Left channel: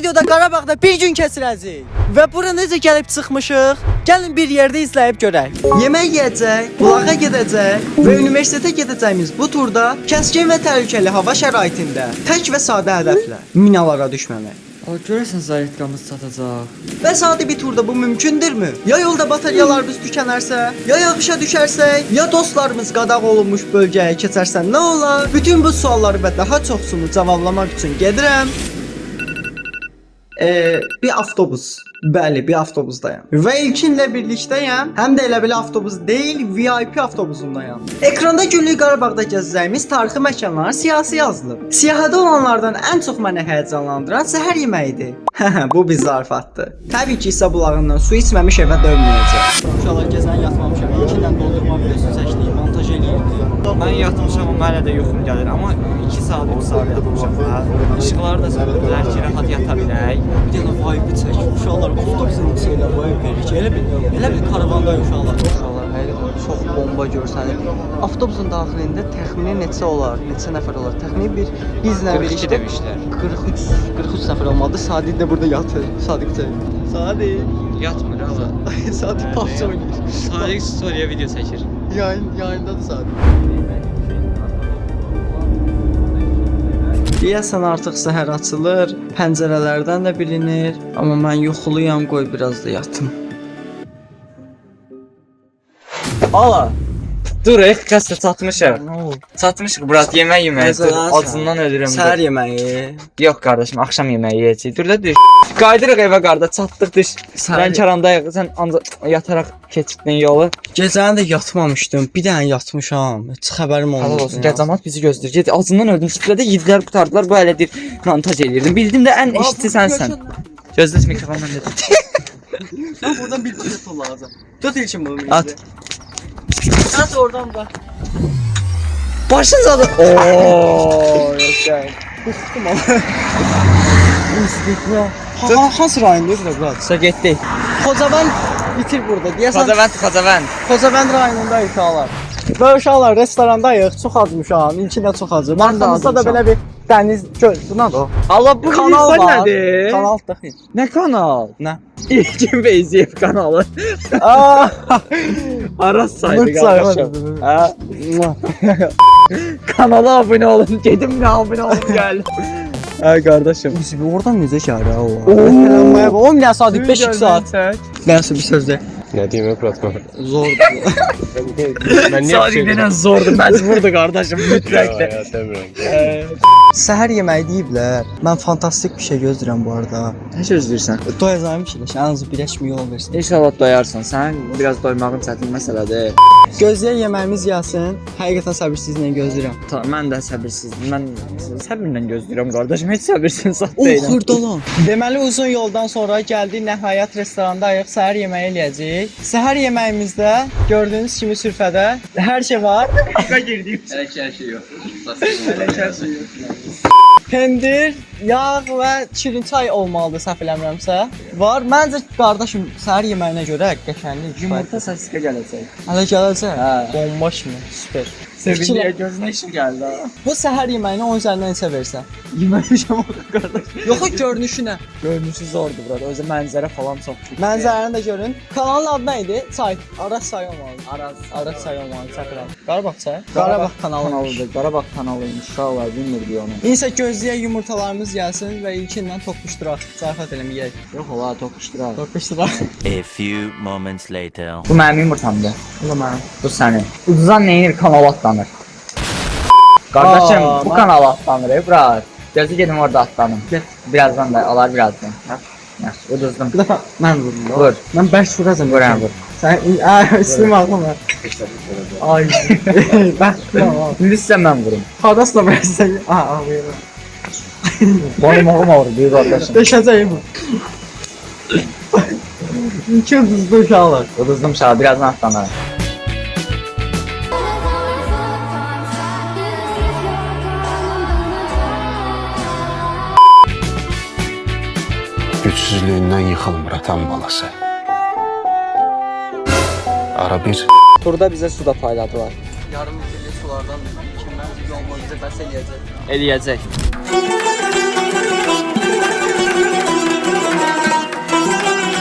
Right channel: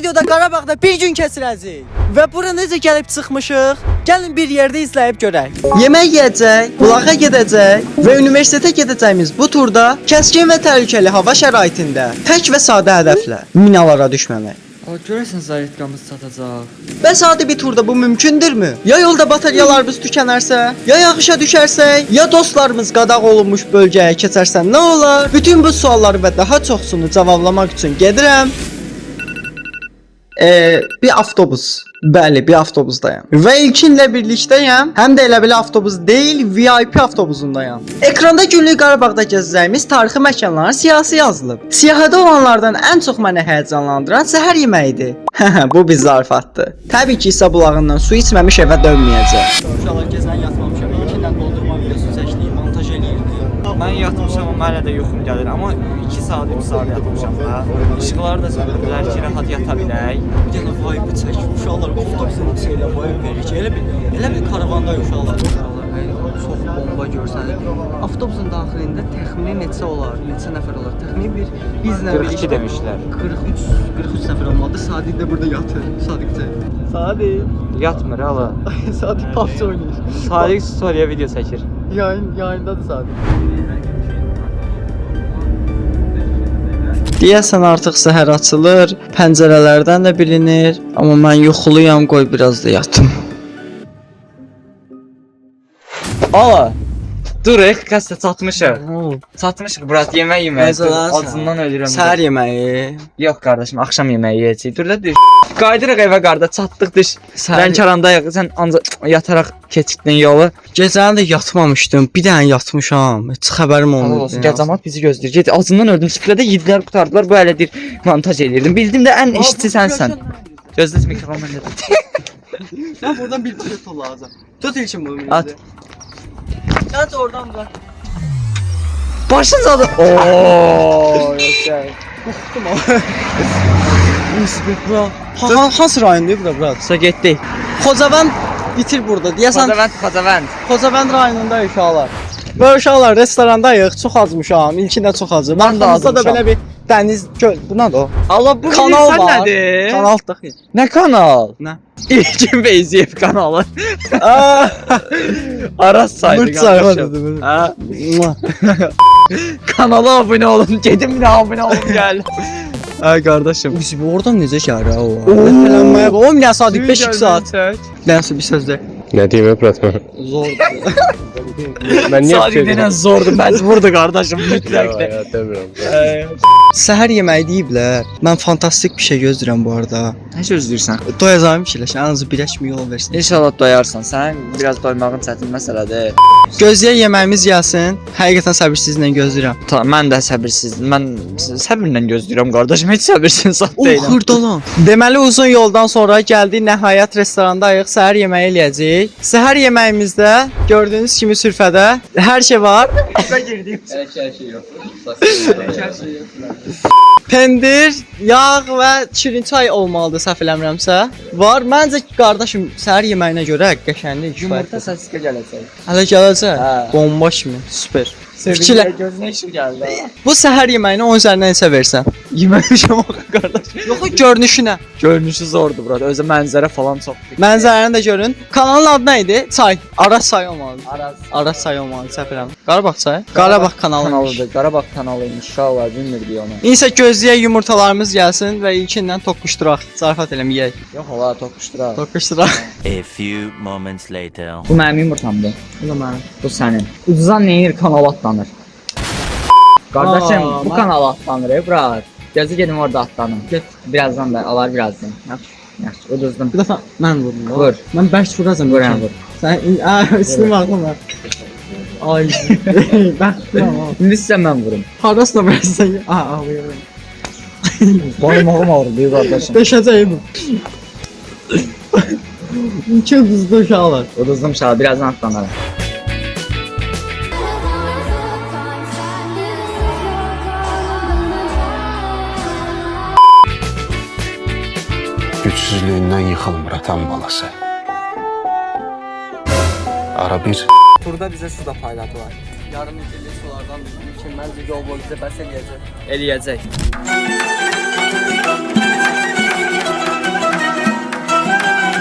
videoda Qarabağda bir gün keçirəcəyik. Və bura necə gəlib çıxmışıq? Gəlin bir yerdə izləyib görək. Yemək yeyəcək, bulağa gedəcək və universitetə gedəcəyimiz bu turda kəskin və təhlükəli hava şəraitində tək və sadə hədəflə minalara düşməmək. Görürsən zayıfqamız çatacaq. Bəs adi bir turda bu mümkündürmü? Ya yolda bataryalarımız tükənərsə, ya yağışa düşərsək, ya dostlarımız qadağan olunmuş bölgəyə keçərsə nə olar? Bütün bu sualları və daha çoxsunu cavablamaq üçün gedirəm. Bir avtobus. Bəli, bir avtobusdayam. Və ilkinlə birlikdəyəm. Həm də elə belə avtobus deyil, VIP avtobusundayam. Ekranda günlük Qarabağda gəzəcəyimiz tarixi məkanların siyahısı yazılıb. Siyahıda olanlardan ən çox məni həyəcanlandıran səhər yeməyidir. Bu bir zarafatdır. Təbii ki, isə bulağından su içməmiş evə dönməyəcək. Uşaqlar gəzən yatmamışam. İlkindən doldurma videosu çəkdim, montaj eləyirdim. Mən yatmışam amma hələ də yuxum gəlir. Amma 2 saat, 3 saat yatmışam da. İşıqları da söndürdülər ki, rahat yata bilək. Yenə vibe çək. Uşaqlar avtobusun içində vibe verir. Elə bir karavandayıq uşaqlar. Uşaqlar həqiqətən çox bomba görsənir. Avtobusun daxilində təxmini neçə olar, neçə nəfər olar? Təxmini bir bizlə birlikdə demişlər. 43 nəfər olmadı. Sadiq də burada yatır. Sadiq. Yatmır ama. Sadiq PUBG oynayır. Sadiq story'e video çəkir. Yayındadır Sadiq. Deyəsən artıq səhər açılır, pəncərələrdən də bilinir. Amma mən yuxuluyam, qoy biraz da yatım. Ala. Dur, kəsdə çatmışıq. Çatmışıq, Murat, yemək yeməyə. Acından ölürüm. Səhər yeməyi. Yox qardaşım, axşam yeməyi yeyəcəyik. Dur da düş. Qaydırıq evə qarda, çatdıq düş. Lənkərandayıq, sən ancaq yataraq keçdin yolu. Gecəni də yatmamışdım, bir dənə yatmışam. Heç xəbərim Allah olmadı. olsun, cəmaət bizi gözləyir. Get, acından öldüm, süfrədə yedilər, qutardılar. Bu hələ deyir, montaj eləyirdim. Bildim də ən işçi sənsən. Gözlət mikrofon məndə. Mən buradan bir tut lazım. Tut ilkin bunu. At. At oradan bak. Başın zadı. Ooo, yaşa. Kustum ama. Hansı rayondayız da Murat? Sə getdik. Xocavənd bitir burada. Deyəsən Xocavənd. Xocavənd rayonundayıq uşaqlar. Və uşaqlar restorandayıq. Çox acmışam. İlkində çox acı. Mən də da belə bir dəniz göl. Bu nədir o? Allah bu Kanal var. Nədir? Kanal daxil. Nə kanal? Nə? İlkin Beyziyev kanalı. Aras saydı Mırçay. Ha. Kanala abone olun. Gedim də abone olun gəl. Ay qardaşım. Biz oradan necə gəlir o? Eləmək. Oğlum ya saat 5 saat. Nəsə bir söz de. Ne diyeyim Fıratma? Zordur. Ben niye Sadiq denən zordur, məcburdur qardaşım, mütləq də. Səhər yeməyi deyiblər. Mən fantastik bir şey gözləyirəm bu arada. Nə gözləyirsən? Doyacağım fikirləş. Yalnız birləş mi yol versin. İnşallah doyarsan. Sən biraz doymağın çətin məsələdir. Gözləyə yeməyimiz gəlsin. Həqiqətən səbirsizlə gözləyirəm. Mən də səbirsizdim. Mən səbirlə gözləyirəm qardaşım. Heç səbirsiz zat O deyiləm. xırdalan. Deməli uzun yoldan sonra gəldik nəhayət restorandayıq. Səhər yeməyi eləyəcəyik. Səhər yeməyimizdə gördüyünüz kimi sürfədə hər şey var. Hər şey yox. Pendir, yağ və şirin çay olmalıdır səhv eləmirəmsə. Var. Məncə qardaşım səhər yeməyinə görə qəşənglik Yumurta səskə gələcək. Hələ gələcək. Hə. Bomba kimi. Super. Fikirlə gözünə işim gəldi. Bu səhər yeməyini 10 üzərindən neçə versən? Yeməmişəm axı qardaş. Yox, görünüşünə. Görünüşü zordur burada. Özü mənzərə falan çox. Mənzərəni də görün. Kanalın adı nə idi? Çay. Aras çay olmalıdır. Aras Çay olmalıdır, səhv eləmirəm. Qarabağ çayı. Qarabağ kanalı. Qarabağ kanalı inşallah bilmirdik onu. İnsə gözləyək yumurtalarımız gəlsin və ilkindən toqquşduraq. Zarafat eləməyək. Yox, ola toqquşduraq. Toqquşduraq. A few moments later. Bu mənim yumurtamdır. Bu da mənim. Bu sənin. Uduzan neyinir kanal atlanır. Qardaşım, Aa, bu kanal atlanır, bırak. Gözü gedim orada atlanım. Get. Birazdan da alar birazdan. Yaxşı, uduzdum. Bir dəfə mən vurdum. Vur. Mən bərk vuracam. Vur. Sən üstümə atma. Ay. Bərk vurma. İndi sən mən vurum. Xarasla versən. Ağlayıram. Boynumağım ağrı, deyir qardaşım. Döşəcəyim. İki ucuzlu uşaqlar. Uduzdum şaha, birazdan atlanırım. Güçsüzlüğünden yıkılmır atan balası. Ara bir Turda bizə su da payladılar. Yarım litrli sulardan ilkindən yol boyu bizə bəs eləyəcək. Eləyəcək.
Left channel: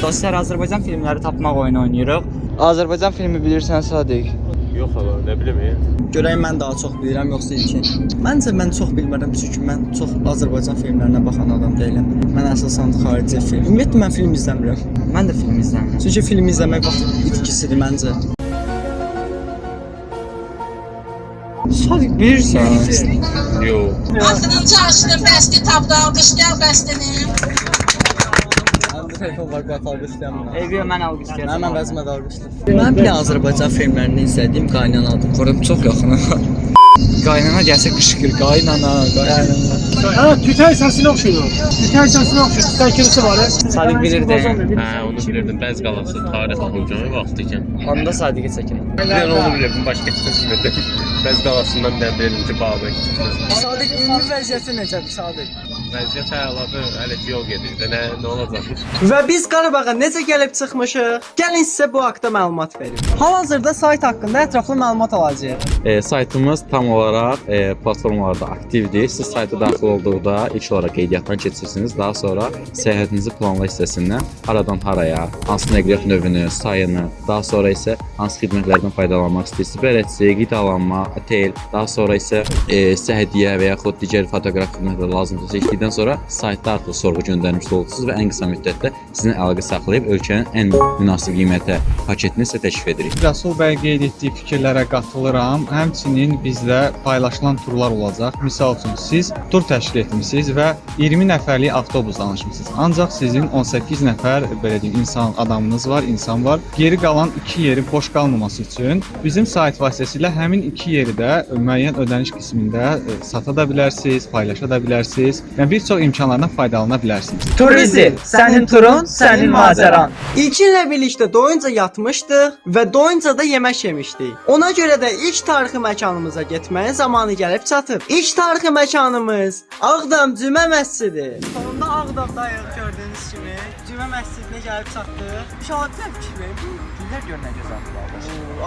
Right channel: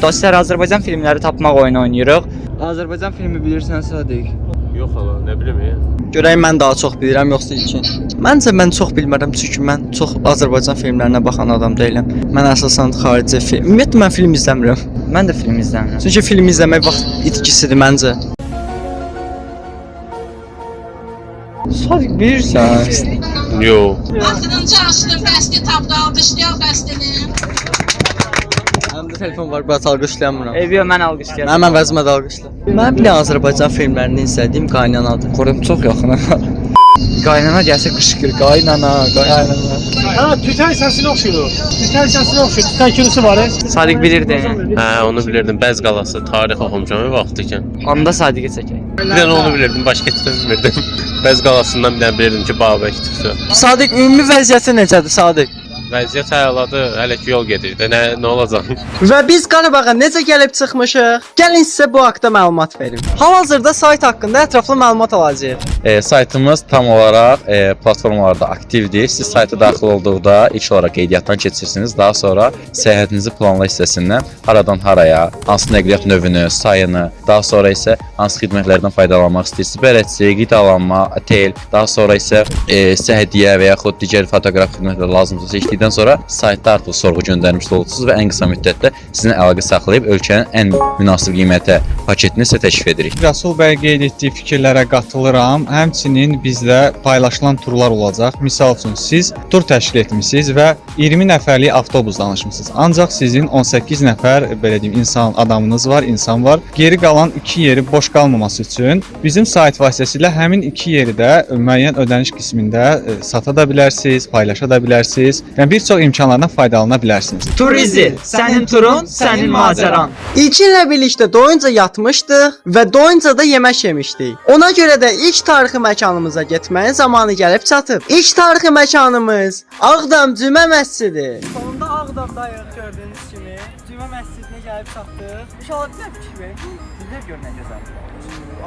Dostlar, Azərbaycan filmləri tapmaq oyunu oynayırıq. Azərbaycan filmi bilirsən Sadiq? Yox hala, nə bilim ya. Görək mən daha çox bilirəm yoxsa ilkin. Məncə mən çox bilmərəm çünki mən çox Azərbaycan filmlərinə baxan adam deyiləm. Mən əsasən xarici film. Ümumiyyətlə mən film izləmirəm. Mən də film izləmirəm. Çünki film izləmək vaxt itkisidir məncə. Sadiq bilirsən? Yox. Axırıncı açdı bəsti tapdı, alqışlayaq bəstini. Məndə telefon var, bəs alqışlayamıram. Eyvə, mən alqışlayıram. Mənim əvəzimə də alqışla. Mən bir Azərbaycan filmlərini izlədiyim Qaynanadır. Qorum çox yaxın. Qaynana gəlsə qışqır, qaynana. Ha, tütay səsini oxşuyur. Tütay səsini oxşuyur. Tütay kimisi var. Sadiq bilirdi. Hə, onu bilirdim. Bəz qalası, tarix oxumuşam vaxtı ikən. Onda Sadiqə çəkək. Bir dənə onu bilirdim, başqa heç nə bilmirdim. Bəz qalasından bir dənə bilirdim ki, Babək çıxdı. Sadiq ümumi vəziyyəti necədir Sadiq? Vəziyyət əladır, hələ ki yol gedir. Nə olacaq? Və biz Qarabağa necə gəlib çıxmışıq? Gəlin sizə bu haqqda məlumat verim. Hal-hazırda sayt haqqında ətraflı məlumat alacağıq. Saytımız tam olaraq platformalarda aktivdir. Siz sayta daxil olduqda ilk olaraq qeydiyyatdan keçirsiniz. Daha sonra səyahətinizi planla hissəsindən haradan haraya, hansı nəqliyyat növünü, sayını, daha sonra isə hansı xidmətlərdən faydalanmaq istəyirsiniz. Bələdçi, qidalanma, otel, daha sonra isə səhhədiyyə və yaxud digər fotoqraf xidmətlər lazımdırsa seçdikdən sonra saytda artıq sorğu göndərmiş olursunuz və ən qısa müddətdə sizinlə əlaqə saxlayıb ölkənin ən münasib qiymətə paketini sizə təklif edirik. Rəsul bəy qeyd etdiyi fikirlərə qatılıram. Həmçinin bizdə paylaşılan turlar olacaq. Misal üçün siz tur təşkil etmisiniz və 20 nəfərlik avtobus danışmısınız. Ancaq sizin 18 nəfər belə deyim adamınız var, insan var. Geri qalan 2 yeri boş qalmaması üçün bizim sayt vasitəsilə həmin 2 yeri də müəyyən ödəniş qismində sata da bilərsiniz, paylaşa da bilərsiniz. Yəni bir çox imkanlardan faydalana bilərsiniz. Turizm, sənin turun, sənin macəran. İlkinlə birlikdə doyunca yatmışdıq və doyunca da yemək yemişdik. Ona görə də ilk tarixi məkanımıza getməyin zamanı gəlib çatıb. İlk tarixi məkanımız Ağdam Cümə Məscidi. Sonunda Ağdamdayıq gördüyünüz kimi. Cümə Məscidinə gəlib çatdıq. İnşallah bizə fikir verin. Bu Gülər gör nə gözəldir.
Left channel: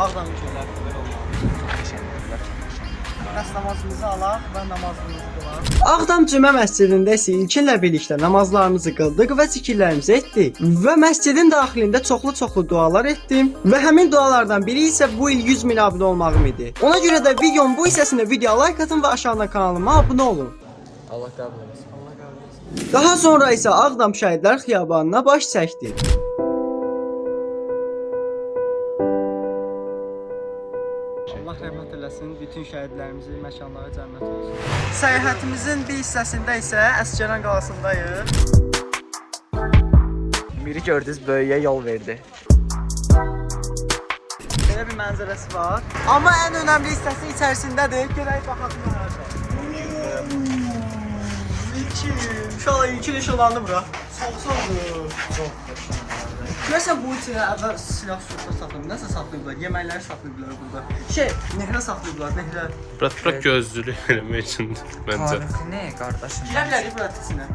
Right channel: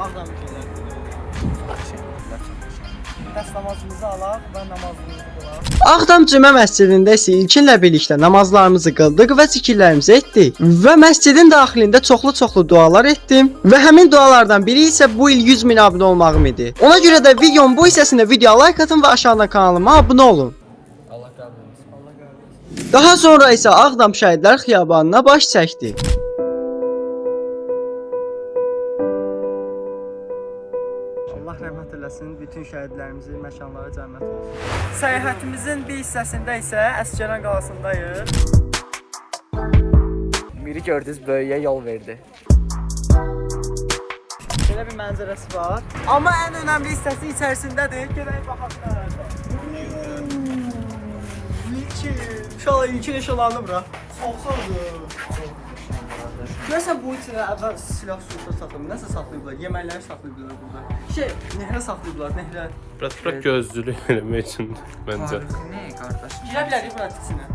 Ağdamın gözəlliyi olur. Çox qəşəngdir, çox qəşəngdir. Bəs namazımızı alaq və namazımızı qılaq. Ağdam Cümə Məscidində isə ilkinlə birlikdə namazlarımızı qıldıq və zikirlərimizi etdik. Və məscidin daxilində çoxlu dualar etdim və həmin dualardan biri isə bu il 100 min abunə olmağım idi. Ona görə də videonun bu hissəsində video like atın və aşağıdan kanalıma abunə olun. Allah qəbul etsin. Allah qəbul etsin. Daha sonra isə Ağdam Şəhidlər Xiyabanına baş çəkdik. Allah rəhmət eləsin, bütün şəhidlərimizin məkanları cənnət olsun. Səyahətimizin bir hissəsində isə Əsgəran qalasındayıq. Miri gördünüz, böyüyə yol verdi. Belə bir mənzərəsi var. Amma ən önəmli hissəsi içərisindədir. Gələk baxaq nə var. İlkin işıqlandı bura. Soğuqdur. Görsən bu içinə əvvəl silah şurada saxlayıb, nəsə saxlayıblar, yeməkləri saxlayıblar burada. Nehrə saxlayıblar, nehrə. Bura gözlülük eləmək üçündür məncə. Ne qardaşım? Girə bilərik bura içinə.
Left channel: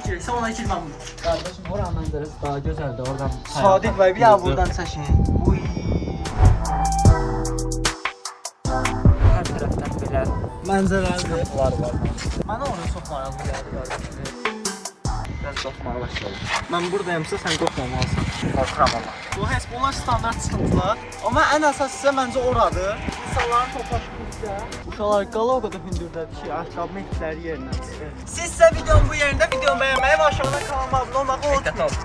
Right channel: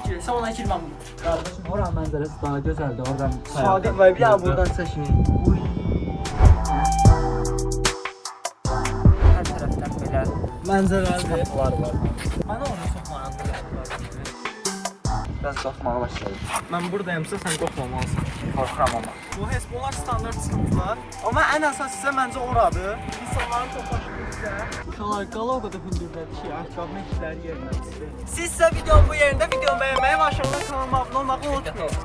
İki, sən ona girməm bunu. Qardaşım, ora mənzərəsi daha gözəldir, oradan Sadiq bəy, bir ya buradan çəkin. Hər tərəfdən belə Mənzərəli. var. Mənə orası çox maraqlıdır. Mən qorxmağa başladım. Mən buradayımsa sən qorxmamalısan. Qorxuram amma. Bu Hesbonlar standart sıxıntılar. Amma ən əsas isə məncə oradır. İnsanların toplaşdığı uşaqlar qala o qədər hündürdədir ki, ayaqqabı məhkləri yerindən çıxır. Siz isə videonun bu yerində videonu bəyənməyi və aşağıdan kanalıma abunə olmağı unutmayın.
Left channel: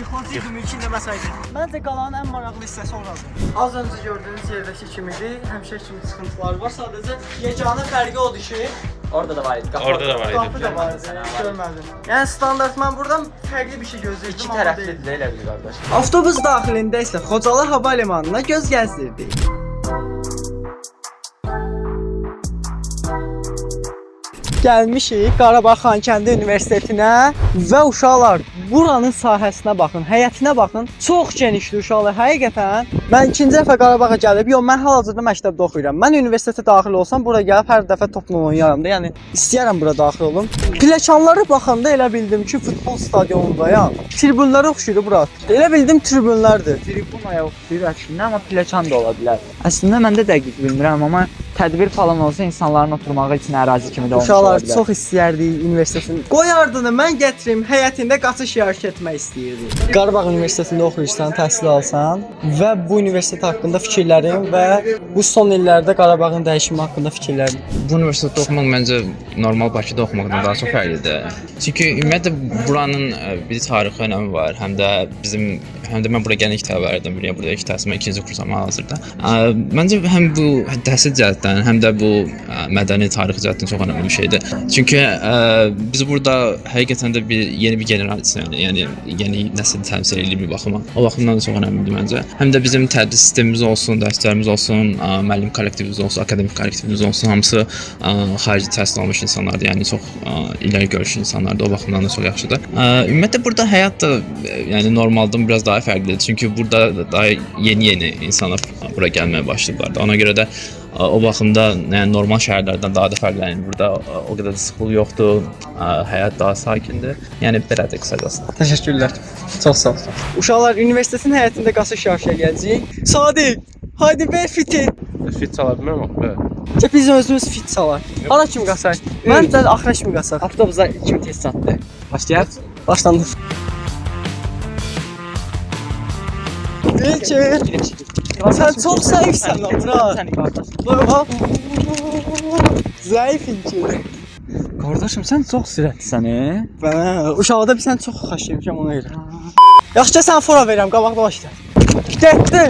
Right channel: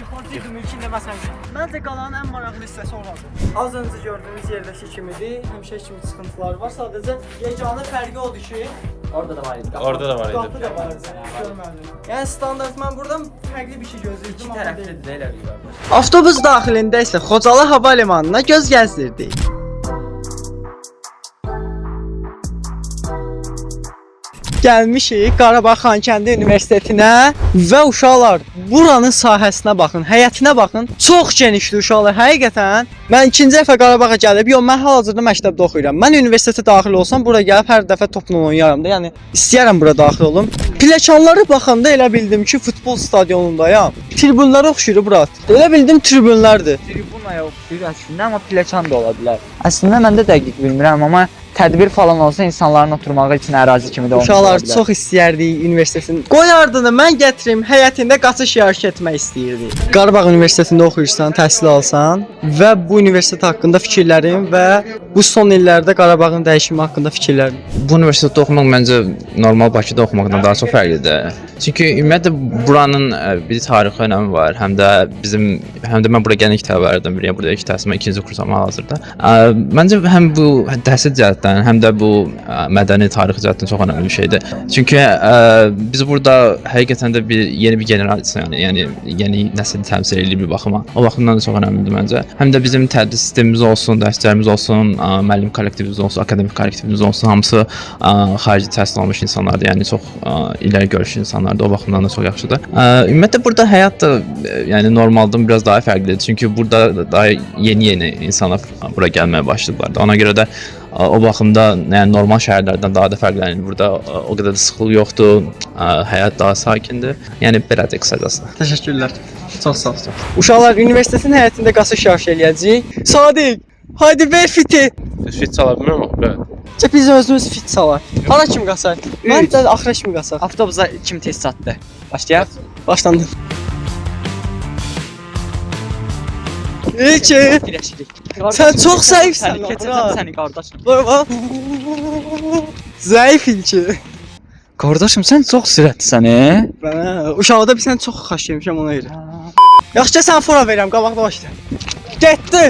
Yıxılacaqdım ilkin deməsəydin. Məncə qalanın ən maraqlı hissəsi oradır. Az öncə gördüyünüz yerdəki kimidir. Həmişə kimi sıxıntılar var. Sadəcə yeganə fərqi odur ki, Orada da var idi. Orada da var idi. qapı da vardı. Görmədim. Yəni standart mən buradan fərqli bir şey gözləyirdim amma deyil. Tərəfli də elə bir qardaş. Avtobus daxilində isə Xocalı hava limanına göz gəzdirdik. Gəlmişik Qarabağ Xankəndi Universitetinə və uşaqlar buranın sahəsinə baxın, həyətinə baxın. Çox genişdir uşaqlar, həqiqətən. Mən ikinci dəfə Qarabağa gəlib, mən hal-hazırda məktəbdə oxuyuram. Mən universitetə daxil olsam bura gəlib hər dəfə topla oynayaram da. Yəni istəyirəm bura daxil olum. Pilləkənləri baxanda elə bildim ki, futbol stadionundayam. Tribunlara oxşuyur bura. Elə bildim tribunlardır. Tribunaya oxşuyur əslində, amma pilləkən də ola bilər. Əslində mən də dəqiq bilmirəm, amma tədbir falan olsa insanların oturmağı üçün ərazi kimi də olmuş. Uşaqlar ola bilər. çox istəyərdik universitetin. Qoy ardını mən gətirim, həyətində qaçış yarışı etmək istəyirdik. Qarabağ Universitetində oxuyursan, təhsil alsan və bu universitet haqqında fikirlərin və bu son illərdə Qarabağın dəyişimi haqqında fikirlərin. Bu universitetdə oxumaq məncə normal Bakıda oxumaqdan daha çox fərqlidir. Çünki ümumiyyətlə buranın bir tarixi önəmi var. Həm də mən bura gələn ilk tələbələrdən biriyəm. Burada ilk təhsilimə 2-ci kursam hal-hazırda. Məncə həm bu təhsil cəhətdən, həm də bu mədəni tarixi cəhətdən çox önəmli bir şeydir. Çünki biz burada həqiqətən də yeni bir generasiya, yəni yeni nəsil təmsil edir bir baxıma. O baxımdan da çox önəmlidir məncə. Həm də bizim tədris sistemimiz olsun, dərslərimiz olsun, müəllim kollektivimiz olsun, akademik kollektivimiz olsun, hamısı xarici təhsil almış insanlardır. Yəni çox ileri görüşlü insanlardır. O baxımdan da çox yaxşıdır. Ümumiyyətlə burada həyat da yəni normaldan biraz daha fərqlidir. Çünki burada daha yeni insanlar bura gəlməyə başladılar. Ona görə də o baxımda yəni normal şəhərlərdən daha da fərqlənir. Burada o qədər də sıxlıq yoxdur. Həyat daha sakindir. Yəni belədir qısacası. Təşəkkürlər. Çox sağ ol. Uşaqlar universitetin həyətində qaçış yarışı eləyəcəyik. Sadiq, haydi ver fiti. Fit çala bilmirəm. Bəli. Biz özümüz fit çalar. Hara kimi qaçaq? Mən də axıra kimi qaçaq. Avtobusa kim tez çatdı? Başlayaq. Başlandı. İlki. Sən çox zəifsən lan bura. Səni qardaş. Zəif ilki. Qardaşım sən çox sürətlisən, Bana uşaqda bir sən çox xaş yemişəm ona görə. Yaxşı sən fora verirəm, qabaqda başla. Getdi.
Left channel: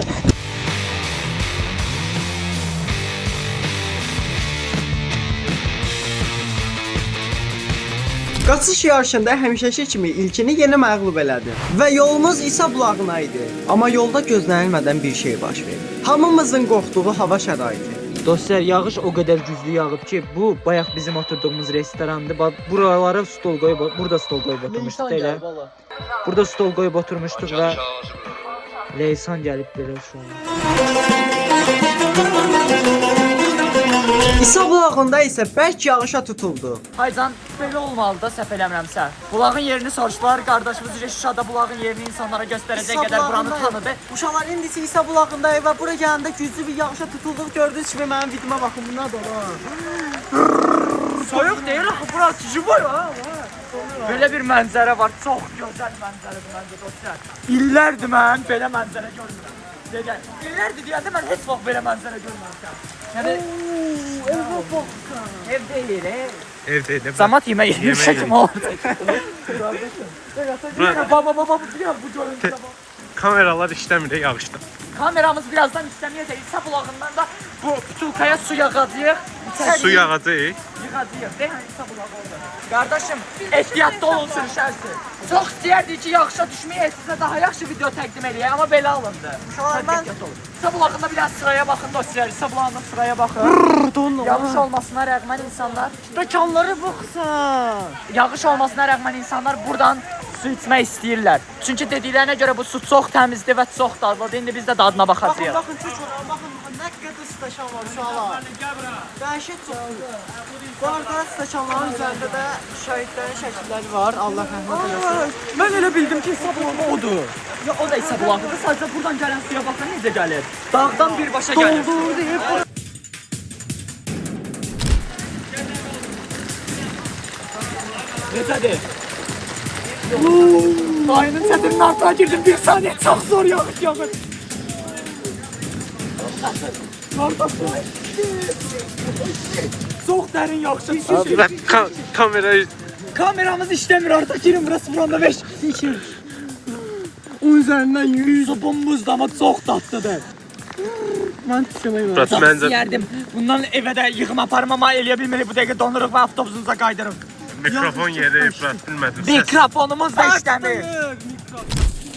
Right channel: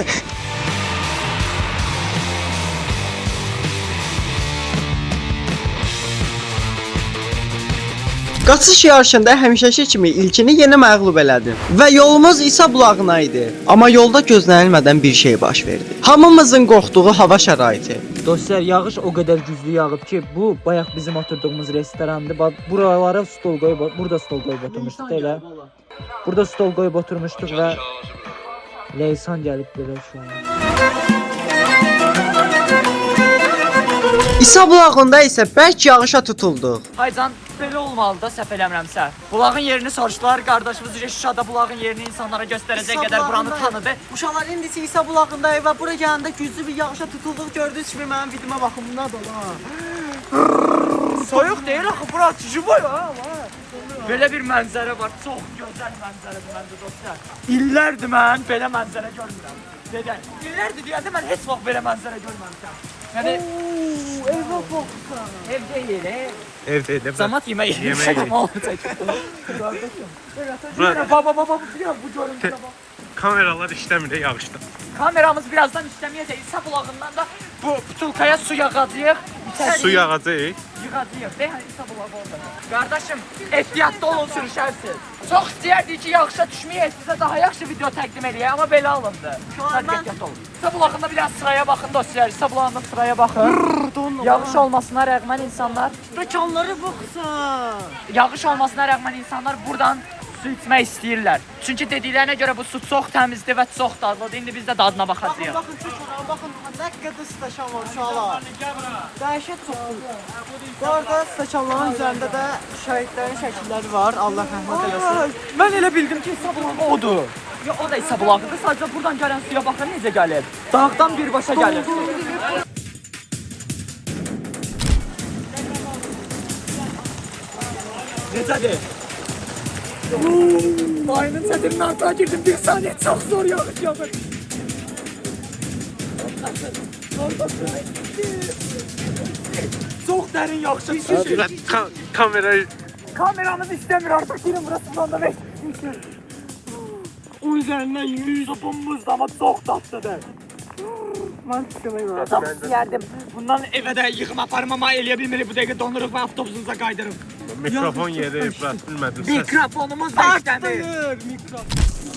Qaçış yarışında həmişəki kimi ilkini yenə məğlub elədi və yolumuz İsa bulağına idi. Amma yolda gözlənilmədən bir şey baş verdi. Hamımızın qorxduğu hava şəraiti. Dostlar, yağış o qədər güclü yağıb ki, bu bayaq bizim oturduğumuz restorandır. Buralara stol qoyub, burada stol qoyub oturmuşduq da elə. Burada stol qoyub oturmuşduq və Leysan gəlib belə şu an. İsa bulağında isə bərk yağışa tutuldu. Haycan, belə olmalı da səhv eləmirəmsə. Bulağın yerini soruşdular, qardaşımız Şuşada bulağın yerini insanlara göstərəcək qədər buranı tanıdı. Uşaqlar indi İsa bulağındayıq və bura gələndə güclü bir yağışa tutulduq. Gördüyünüz kimi mənim videoma baxın, bunlar da var. Soyuq deyil axı, bura çişi var ha. Belə bir mənzərə var, çox gözəl mənzərədir məncə dostlar. İllərdir mən belə mənzərə görmürəm. İllərdir deyəndə mən heç vaxt belə mənzərə görməmişəm. Yəni Evə baxsan. ev deyil, Ev deyil. Zamat yeməyi yemişəm. Baba, bu görüntüyə bax. Kameralar işləmir yağışda. Kameramız birazdan işləməyəcək. İsa bulağından da bu butulkaya su yağacağıq. Su yağacaq. Yığacağıq. Deyən İsa bulağı orada. Qardaşım, ehtiyatlı olun sürüşərsiz. Çox istəyərdik ki, yağışa düşməyək, sizə daha yaxşı video təqdim edəyək, amma belə alındı. Ehtiyatlı olun. İsa bulağında biraz sıraya baxın dostlar. İsa bulağında sıraya baxın. Yağış olmasına rəğmən insanlar... Stəkanlara baxsan. Yağış olmasına rəğmən insanlar buradan su içmək istəyirlər. Çünki dediklərinə görə bu su çox təmizdir və çox dadlıdır. İndi biz də dadına baxacağıq. Baxın, nə qədər stəkan var uşaqlar. Dəhşət çoxdur. Bu arada stəkanların üzərində də şəhidlərin şəkilləri var. Allah rəhmət eləsin. Mən elə bildim ki, İsa bulağı odur. Ya o da İsa bulağıdır. Sadəcə buradan gələn suya baxın necə gəlir. Dağdan birbaşa gəlir. Necədir? Dayının çətirinin altına girdim, bir saniye çok zor yağış yağır. Çok derin yağış düşüyor. Kameramız işlemiyor artık, girin burası buranda 5 kişi. O üzerinden 100 bombuzda ama çok tatlıdır. Mən düşməyi var. Burası Çok məncə istəyərdim. Bundan evə də yığım aparım ama eləyə bilmirik. Bu dəqiqə donuruq və avtobusumuza qaydırım. mikrofon yeri, burası bilmədim. Mikrofonumuz da işləmir.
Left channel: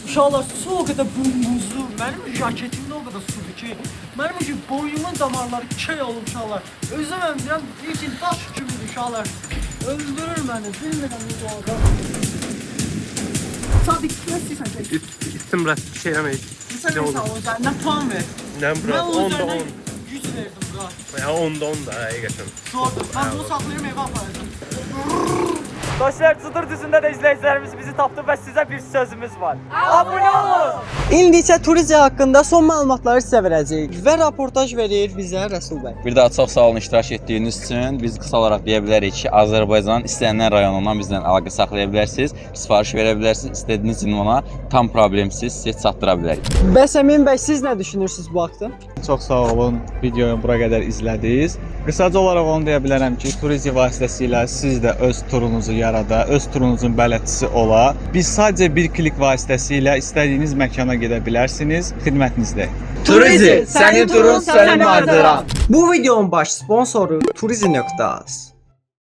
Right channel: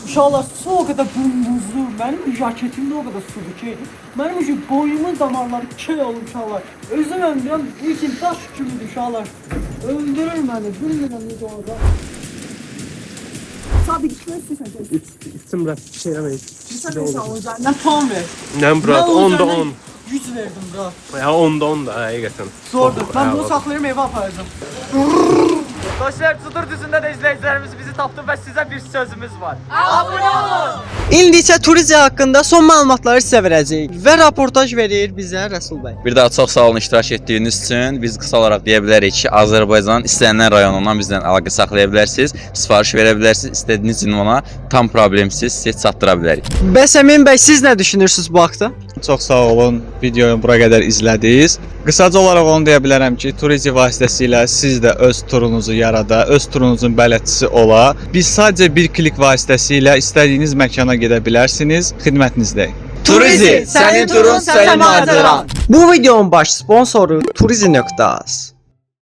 Uşaqlar, su o qədər bumbuzlu. Mənim jaketimdə o qədər sudur ki, mənim ucu boynumun damarları köy olub uşaqlar. Özüm əmdirəm, ilkin daş kimidir uşaqlar. Öldürür məni, bilmirəm necə olacaq. Sadiq, nə istəyirsən ki? İçtim burası şey eləməyik. Sən nə sağlayacaq, nə puan ver? Nə burası 10'da 10. 100 verdim bura. Ya 10'da 10 da həqiqətən. Zordur, mən bunu saxlayırım, evə aparacağım. Dostlar, Çudur düzündə də izləyicilərimiz bizi tapdı və sizə bir sözümüz var. Abunə olun! İndi isə turizm haqqında son məlumatları sizə verəcəyik və raportaj verir bizə Rəsul bəy. Bir daha çox sağ olun iştirak etdiyiniz üçün. Biz qısa olaraq deyə bilərik ki, Azərbaycanın istənilən rayonundan bizlə əlaqə saxlaya bilərsiniz, sifariş verə bilərsiniz, istədiyiniz ünvana tam problemsiz siz çatdıra bilərik. Bəs Əmin bəy, siz nə düşünürsünüz bu haqda? Çox sağ olun, videoyu bura qədər izlədiniz. Qısaca olaraq onu deyə bilərəm ki, turizm vasitəsilə siz də öz turunuzu yarada, öz turunuzun bələdçisi ola. Biz sadəcə bir klik vasitəsilə istədiyiniz məkana gedə bilərsiniz, xidmətinizdəyik. Turizm, sənin turun, sənin macəran. Bu videonun baş sponsoru turizm.az.